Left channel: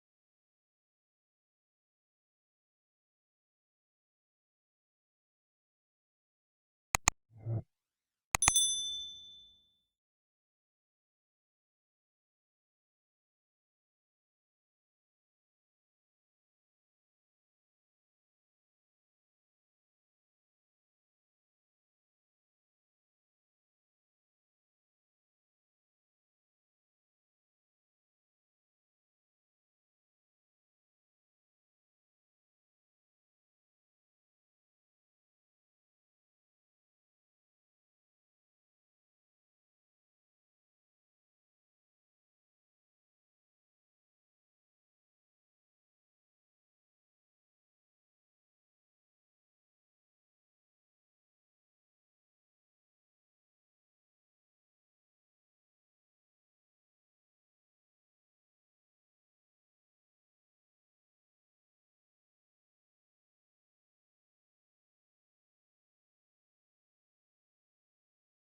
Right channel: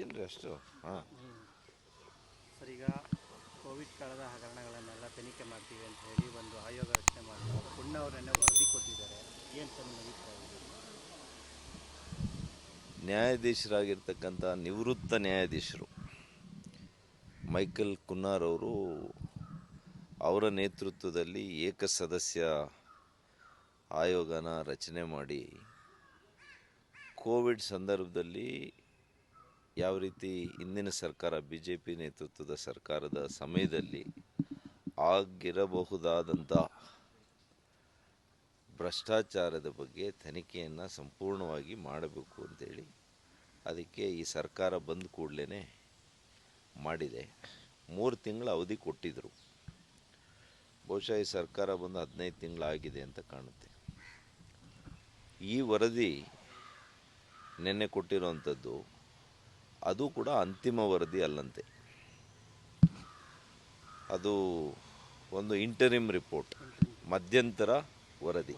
ಏನ್ರಿ ಅಷ್ಟು? ಹಾಂ ಸರ್, ಈಗ ಕೋವಿಡ್ ಕಾಲದ ಹಗರಣಗಳನ್ನೆಲ್ಲ ತನಿಖೆ ಮಾಡ್ತೀವಿ ಅಂತ ಹೇಳಿ ಒಂದು ಆಯೋಗ ರಚನೆ ಮಾಡಿ ಪುಣ್ಯವರನ್ನೇ ವರದಿ ಕೊಟ್ಟಿದ್ದಾರೆ. ಏನು ಸರ್ ನಿಮ್ಮ ಅಭಿಪ್ರಾಯ? ನ್ಯಾಯಾಧೀಶರಾಗಿರ್ತಕ್ಕಂಥ ನಿವೃತ್ತ ನ್ಯಾಯಾಧೀಶರು ಮೈಕಲ್ ಕುನ್ನಾರ್ ಅವರು ಅವರ ನೇತೃತ್ವದಲ್ಲಿ ಏಕಸದಸ್ಯ ಆಯೋಗನ ರಚನೆ ಮಾಡಿ ಕೋವಿಡ್ ಸಂದರ್ಭದಲ್ಲಿ ಯಾವ ರೀತಿ ಇಂದಿನ ಸರ್ಕಾರ BJP ನೇತೃತ್ವದ ಸರ್ಕಾರದ ಸಮಯದಲ್ಲಿ ಆಗಿರಬಹುದಾದಂಥ ಭ್ರಷ್ಟಾಚಾರದ ಬಗ್ಗೆ ತನಿಖೆಯನ್ನು ಸಂಪೂರ್ಣವಾಗಿ ಮಾಡಬೇಕು ಅಂತೇಳಿ ಅದಕ್ಕೆ ಈ ಸರ್ಕಾರ ಬಂದ ಕೂಡಲೇ ಮಾಡಿದೆ. 3 ತಿಂಗಳ ಅವಧಿ ಕೊಟ್ಟಿದ್ದರು. ಬಹುಶಃ ಈ ಸರ್ಕಾರ ಬಂದು 15 ತಿಂಗಳಾಗಿದೆ ಅಂತ ಕಾಣುತ್ತೆ. ಈ ವರದಿ ನಿನ್ನೆ ಕೊಟ್ಟಿರುವಂಥದ್ದು ಅದು ಕೂಡ ಅಂತಿಮ ವರದಿ ಅಲ್ಲಂತೆ. ಅದು ಒಂದು ಇಂಟರಿಮ್ ರಿಪೋರ್ಟ್, ಮಧ್ಯಂತರ ವರದಿ.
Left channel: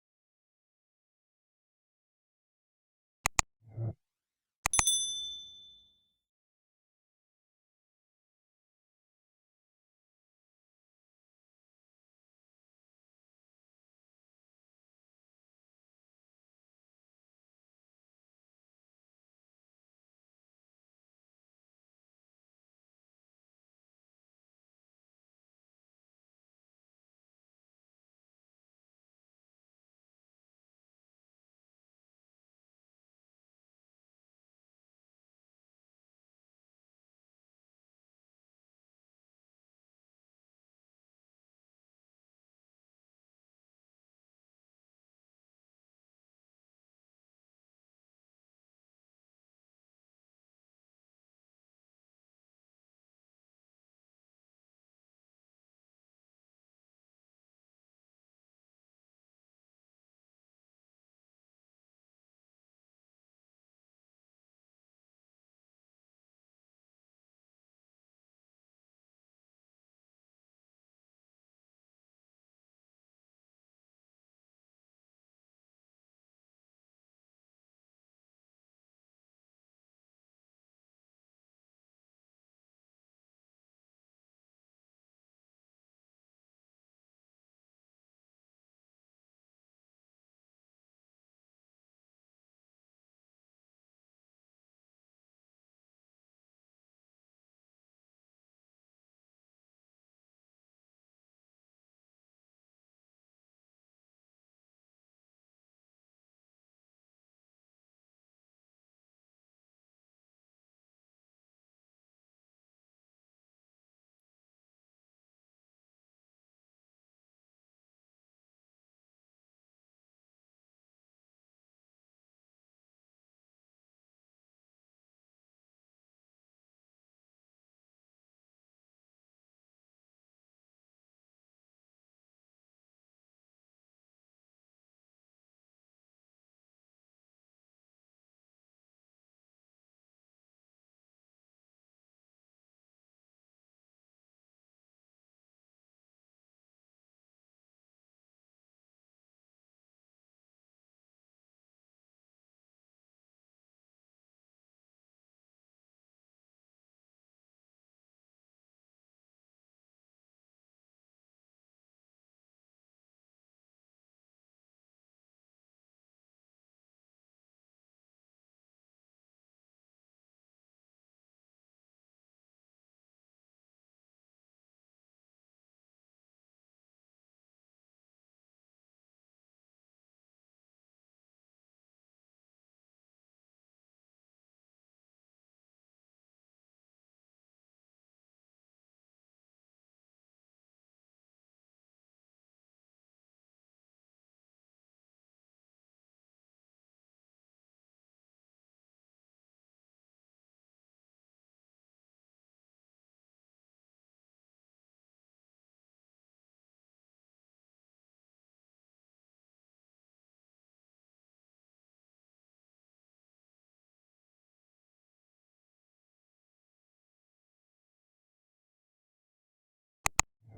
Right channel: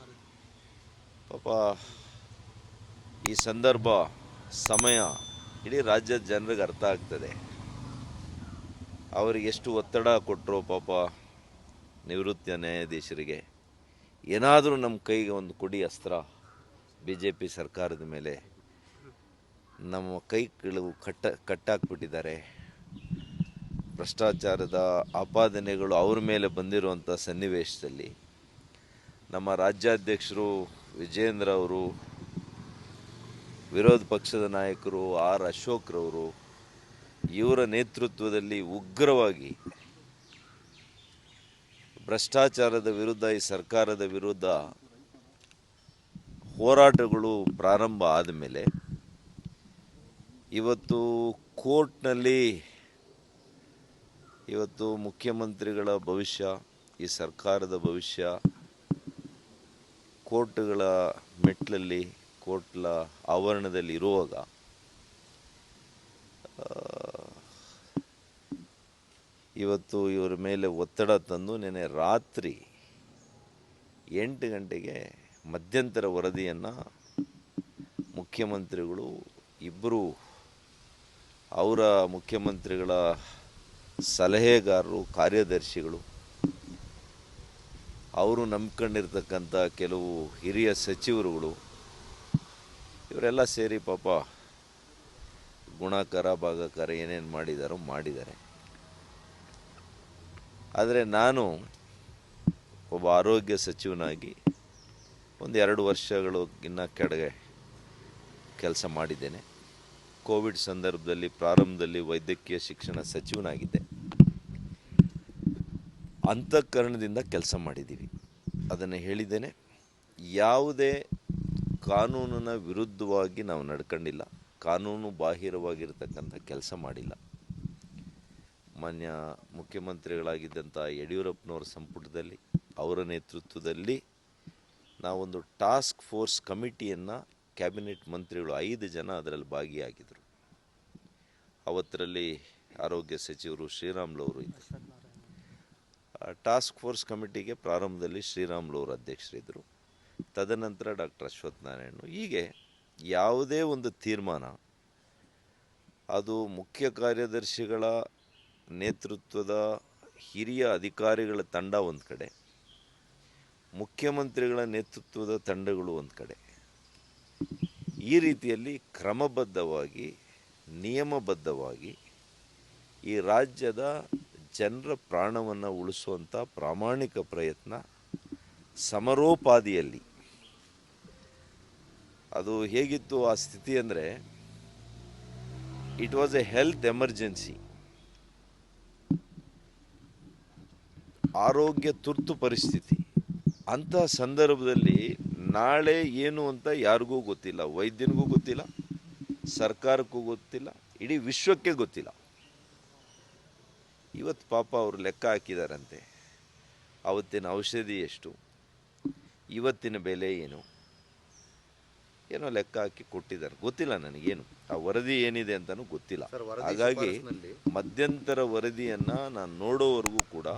ಪಾಪ ಈ ಸಂದರ್ಭ ಸಮಯ ಇಡೀ ರಾಜ್ಯದ ಜನರಿಗೆ ಅರ್ಥ ಆಗ್ತದೆ. ಅವರಿಗೆ ಎಷ್ಟು ಒತ್ತಡ ಕೊಟ್ಟರು ಪಾಪ ನಿವೃತ್ತ ನ್ಯಾಯಾಧೀಶರಿಗೆ. ಏನಾದರೂ ನಮ್ಮ ಕೈಗೆ ಒಂದು ಕೊಡಿ ಅಸ್ತ್ರ, BJP ಸರ್ಕಾರದ ಮೇಲೆ ನಮ್ಮ ಕೈ ಕೆಳವು ಕಟ್ಟಾಕ್ಬಿಟ್ಟಿದ್ದಾರೆ. ಭ್ರಷ್ಟಾಚಾರದ ಆಪಾದನೆಗಳು ಅವ್ರ ಮೇಲೆ ಬಂದಿರುವಂಥ ಸನ್ನಿವೇಶದಲ್ಲಿ ನಮ್ಮ ರಾಜ್ಯಾಧ್ಯಕ್ಷರು ವಿಜೇಂದ್ರ ಅವರು, ವಿರೋಧ ಪಕ್ಷದ ನಾಯಕರು R. ಅಶೋಕ್ರವರು, ಇವರ ನೇತೃತ್ವದಲ್ಲಿ ಉಗ್ರವಾಗಿ ಭ್ರಷ್ಟಾಚಾರದ ವಿರುದ್ಧ ಈ ಸರ್ಕಾರದ ವಿರುದ್ಧ ಹೋರಾಟಗಳು ಪ್ರಾರಂಭ ಆದಮೇಲೆ ಇವತ್ತು ಕೋರ್ಟ್ನಲ್ಲಿ ಇವತ್ತು ಮುಖ್ಯಮಂತ್ರಿಗಳ ಭವಿಷ್ಯ, ಈ ಸರ್ಕಾರದ ಭವಿಷ್ಯ ಕೋರ್ಟ್ಗಳ ಮೆಟ್ಲಲ್ಲಿ, ಕೋರ್ಟ್ಲ ಆವರಣದಲ್ಲಿ ಇರುವಾಗ ಇವತ್ತು ಇವರ ಮೇಲೆ ಒತ್ತಡ ತಂದು ನೆನ್ನೆ ರಾತ್ರಿ 8 ಗಂಟೆಗೆ ಮಧ್ಯಂತರ ವರದಿಯನ್ನು ಮುಖ್ಯಮಂತ್ರಿಗಳು ಇಬ್ಬರು ಅವರ ಮುಖ್ಯಮಂತ್ರಿಗಳ ಸಲಹೆಗಾರರು, ಕಾರ್ಯದರ್ಶಿಗಳು, ಅವರು ನಂಬ್ಕೊಂಡಿರ್ತಕ್ಕಂಥ ಕೆಲವು ಹಿರಿಯ ಸಚಿವರುಗಳು ಇವರೆಲ್ಲ ಸೇರಿ ಪಾಪ ಗುಣಾಕಾರ ಭಾಗಾಕಾರ ಏನೇನು ಮಾಡಿದ್ದಾರೆ. ಆದರೆ ನಾನು ಒಬ್ಬ ಆರೋಗ್ಯ ಸಚಿವನಾಗಿ ಒಂದು 2 ವರ್ಷಗಳಿಗಿನ್ನ ಕೆಳಗೆ ಕೆಲಸ ಮಾಡಿದ್ದೇನೆ. ಕೋವಿಡ್ ಸಂದರ್ಭದಲ್ಲಿ ಪ್ರಾರಂಭದಲ್ಲಿ ವೈದ್ಯಕೀಯ ಶಿಕ್ಷಣ ಸಚಿವನಾಗಿದ್ದೆ. ಅಂತಃಕರಣದಿಂದ ಕೆಲಸ ಮಾಡಿದ್ದೀವಿ. ಅದನ್ನು ಹೇಳಿದ್ದೇನೆ. ಯಾವುದೇ ಕಾನೂನಿನ ವಿರುದ್ಧವಾಗಿ ನಾವು ನಡ್ಕೊಂಡಿಲ್ಲ, ಕಾನೂನು ಬಾಹಿರವಾಗಿರ್ತಕ್ಕಂಥ ಕೆಲಸ ಮಾಡಿಲ್ಲ. ಮಾನ್ಯ ಮುಖ್ಯಮಂತ್ರಿಗಳಾಗಿದ್ದಂಥ ಯಡಿಯೂರಪ್ಪನವರ ಸಂಪುಟದಲ್ಲಿ ಅವರ ನೇತೃತ್ವದಲ್ಲಿ ನಾವೊಂದು ಟಾಸ್ಕ್ ಫೋರ್ಸ್ ಕಮಿಟಿಯನ್ನು ಕ್ಯಾಬಿನೆಟ್ ಮಂತ್ರಿಗಳು 5 ಜನ ಅದರಲ್ಲಿ ಭಾಗಿಯಾಗಿದ್ದರು. ಅವತ್ತರಲ್ಲಿ ಆರೋಗ್ಯ ಸಚಿವರು ಶ್ರೀರಾಮುಲು ಅವರು ಇದ್ದರು. ಟಾಸ್ಕ್ ಫೋರ್ಸ್ ಕಮಿಟಿಗೆ ಪ್ರಾರಂಭದಲ್ಲಿ ಶ್ರೀರಾಮುಲು ಅವರು ಅಧ್ಯಕ್ಷರಿದ್ದರು. ತದನಂತರ ಡಾಕ್ಟರ್ ಅಶ್ವಥ್ ನಾರಾಯಣ್. ಹೀಗೆ ಯಾವುದೇ ಒಂದು ತೀರ್ಮಾನ ಅದು ಮುಖ್ಯ ಕಾರ್ಯದರ್ಶಿಗಳ ನೇತೃತ್ವದ ಹಿರಿಯ ಅಧಿಕಾರಿಗಳ ತಂಡ ಒಂದು ಕಡೆ, ಮುಖ್ಯಮಂತ್ರಿಗಳ ನೇತೃತ್ವದ ತಂಡಗಳು ಒಂದು ಕಡೆ, ಈ ರೀತಿಯಲ್ಲಿ ಕ್ರಮಬದ್ಧವಾಗಿ ನಿಯಮಬದ್ಧವಾಗಿ ಈ ರಾಜ್ಯದ ಜನರ ಪ್ರಾಣವನ್ನು ಉಳಿಸುವಂಥ ಪ್ರಾಮಾಣಿಕ ಪ್ರಯತ್ನ ಸಮರೋಪಾದಿಯಲ್ಲಿ. ಅದು ಹೇಗಿತ್ತು ಆ ಸ್ಥಿತಿ ಅಂದರೆ, it was A health emergency, ಆರೋಗ್ಯ ತುರ್ತು ಪರಿಸ್ಥಿತಿ. ಅಂತಹ ಸಂದರ್ಭದಲ್ಲಿ ನಾಳೆ ಏನು ಅಂತ ಯಾರಿಗೂ ಗೊತ್ತಿಲ್ಲ, ವೈದ್ಯನಿಗೂ ಗೊತ್ತಿಲ್ಲ, ಸರ್ಕಾರಕ್ಕೂ ಗೊತ್ತಿಲ್ಲ, ಇಡೀ ವಿಶ್ವಕ್ಕೆ ಗೊತ್ತಿಲ್ಲ. ಇವತ್ತು ಪಾಪ ಅವರು ಲೆಕ್ಕ ಹಾಕಿದಾರಂತೆ, ಅವತ್ತಿನ ಔಷಧಿ ಎಷ್ಟು, ಇವತ್ತಿನ ಬೆಲೆ ಏನು, ಏನೋ ಲೆಕ್ಕ ಹಾಕಿ ಕೊಟ್ಟಿದ್ದಾರೆ. ಗೊತ್ತಿಲ್ಲ ನನಗೇನು, ಆ ವರದಿ ಏನಿದೆ ಅಂತಲೂ ಗೊತ್ತಿಲ್ಲ. ಹಾಗಾಗಿ ಮಧ್ಯಂತರ ವರದಿಯನ್ನು ನಾನು ನೋಡೋವರೆಗೂ ಕೂಡ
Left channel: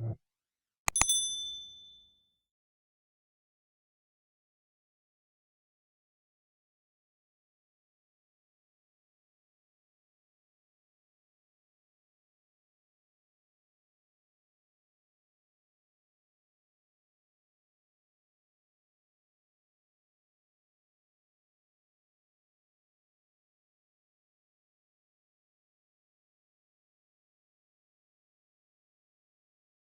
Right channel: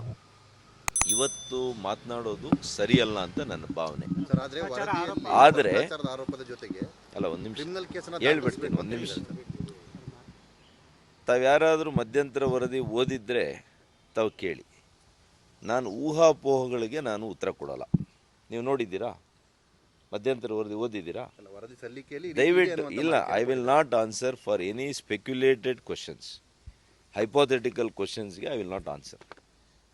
ಇವತ್ತು ಮಾತನಾಡೋದು ಸರಿಯಲ್ಲ ಅಂತ ನನ್ನ ಭಾವನೆ. ಆರೋಪದ ಆದರೆ ಜೊತೆಗೆ ಅಲ್ಲ, ಒಂದು ನಿಮಿಷ ಕ್ರಿಮಿನಲ್ ಕೇಸನ್ನ ಹೇಳ್ಬಿಡ್ತೀನಿ, ಒಂದು ನಿಮಿಷ. ತಾವು ಯಾರಾದರೂ ಮಧ್ಯಂತರ ವರದಿ ಓದಿದ್ರೆ ತಾವು ಕೇಳಿ. ನಾನು ಊಹಾಪೋಹಗಳಿಗೆ ನಾನು ಉತ್ತರ ಕೊಡಲ್ಲ. ನೀವು ನೋಡಿದ್ದೀರಾ? ಮಧ್ಯಂತರ ವರದಿ ಓದಿದ್ದೀರಾ? ವರದಿ ಸಲ್ಲಿಕೆಯಲ್ಲಿ ದಯವಿಟ್ಟು ಇಲ್ಲ. I will not answer for any speculated questions. Hypothetical ಕ್ವಶನ್ಸ್ಗೆ ಐ ವಿಲ್ ನಾಟ್ ಆನ್ಸರ್.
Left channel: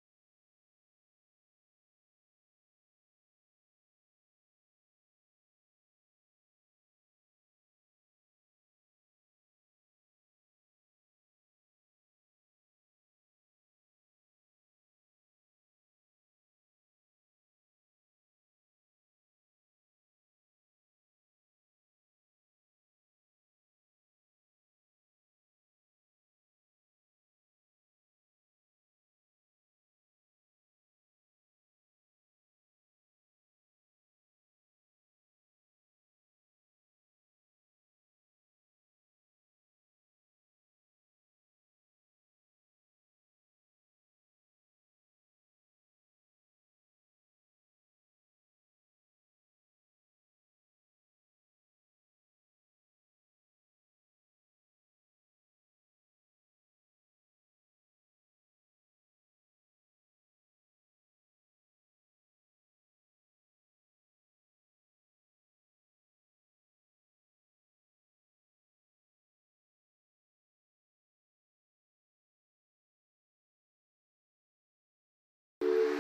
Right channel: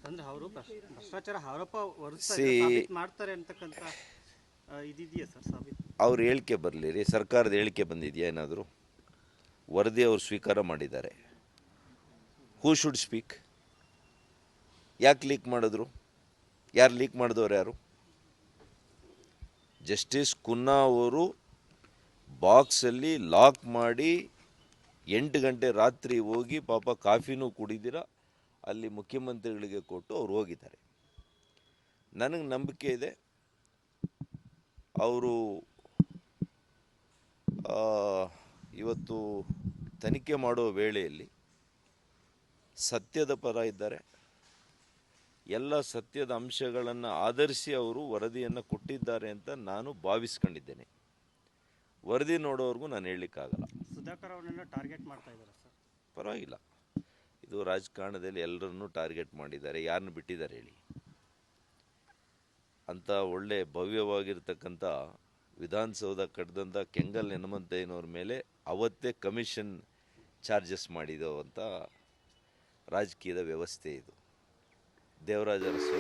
ಅಂದ್ರೆ ಅವರು ಭ್ರಷ್ಟಾಚಾರ ಆರೋಪ ಮಾಡ್ತಾರೆ ಅಂತಕ್ಕಂಥ ಇದಿದೆಯಾ ಸರ್ ಸಾಬೀತು? ಅವ್ರ ಹೇಳಿಕೆ ಬರಲಿ ರೀ. ಸರ್ಕಾರದ ಹೇಳಿಕೆ ಬಂದಿದೆಯಾ ಏನಾದರೂ? ವರದಿ ಅವರು ಸ್ವೀಕಾರ ಮಾಡಿದ್ದಾರೆ. Who should speak? ಯಾಕೆ ಲೀಕ್ ಮಾಡಿದ್ರು? ಯಾರು ಲೀಕ್ ಮಾಡಿದವ್ರು ಯಾರು? ಜಸ್ಟಿಸ್ ಕುನ್ನಾ ಅವರು ಬಾಕ್ಸಲ್ಲಿ ಲಾಕ್ ಮಾಡಿ 8 ಗಂಟೆ ರಾತ್ರಿ ಹೋಗಿ ಪಾಪ ಕಾಫಿನೂ ಕುಡಿದಿರ ಅಲ್ಲಿ ಮುಖ್ಯಮಂತ್ರಿಗಳಿಗೆ ಕೊಟ್ಟು ಅವ್ರು ಹೋಗಿದ್ದಾರೆ. ನನಗೆ ನಂಬಿಕೆ ಇದೆ ಅವರು ಇವತ್ತು ತನಿಖೆ ಮಾಡುವ ವೇಳೆಯಲ್ಲಿ ಸತ್ಯದ ಪರ ಇದ್ದಾರೆ. ಎಲ್ಲ ಸತ್ಯದ ಅಂಶಗಳನ್ನು ಆಧರಿಸಿ ಅವರು ವರದಿಯನ್ನು ಕೊಟ್ಟಿದ್ದಾರೆ ಅಂತ ನಾನು ಭಾವಿಸ್ಕೊಂಡಿದ್ದೇನೆ. ವರದಿ ನೋಡೋವರೆಗೂ ನಾನು ಹೇಳಲಿಕ್ಕಾಗಲ್ಲ. ಸುಧಾಕರ್ ಅವರನ್ನ ಟಾರ್ಗೆಟ್ ಮಾಡ್ತಾ ಇದ್ದಾರೆ ಸರ್. ಪರವಾಗಿಲ್ಲ, ಇದು ರಾಜಕಾರಣದಲ್ಲಿ ಎಲ್ಲರನ್ನೂ ಟಾರ್ಗೆಟ್ ಮಾಡಿದ್ದಾರೆ. ಯಾರನ್ನು ಬಿಟ್ಟಿದ್ದಾರೆ ಹೇಳಿ? ಅಂಥ ಒಳ್ಳೆ ಭವ್ಯವಾಗಿರ್ತಕ್ಕಂಥ ವಿಧಾನಸೌಧ ಕಟ್ಟಿದಂಥ ಕೆಂಗಲ್ ಹನುಮಂತಯ್ಯನವ್ರ ಮೇಲೆ ಅವತ್ತೇ ಕಮಿಷನ್ ಚಾರ್ಜಸ್ ಮಾಡಿದೋ ಅಂತ ರಾಜಕೀಯದ ವ್ಯವಸ್ಥೆ ಇದು. ದೇವರಾಜ ಅರಸು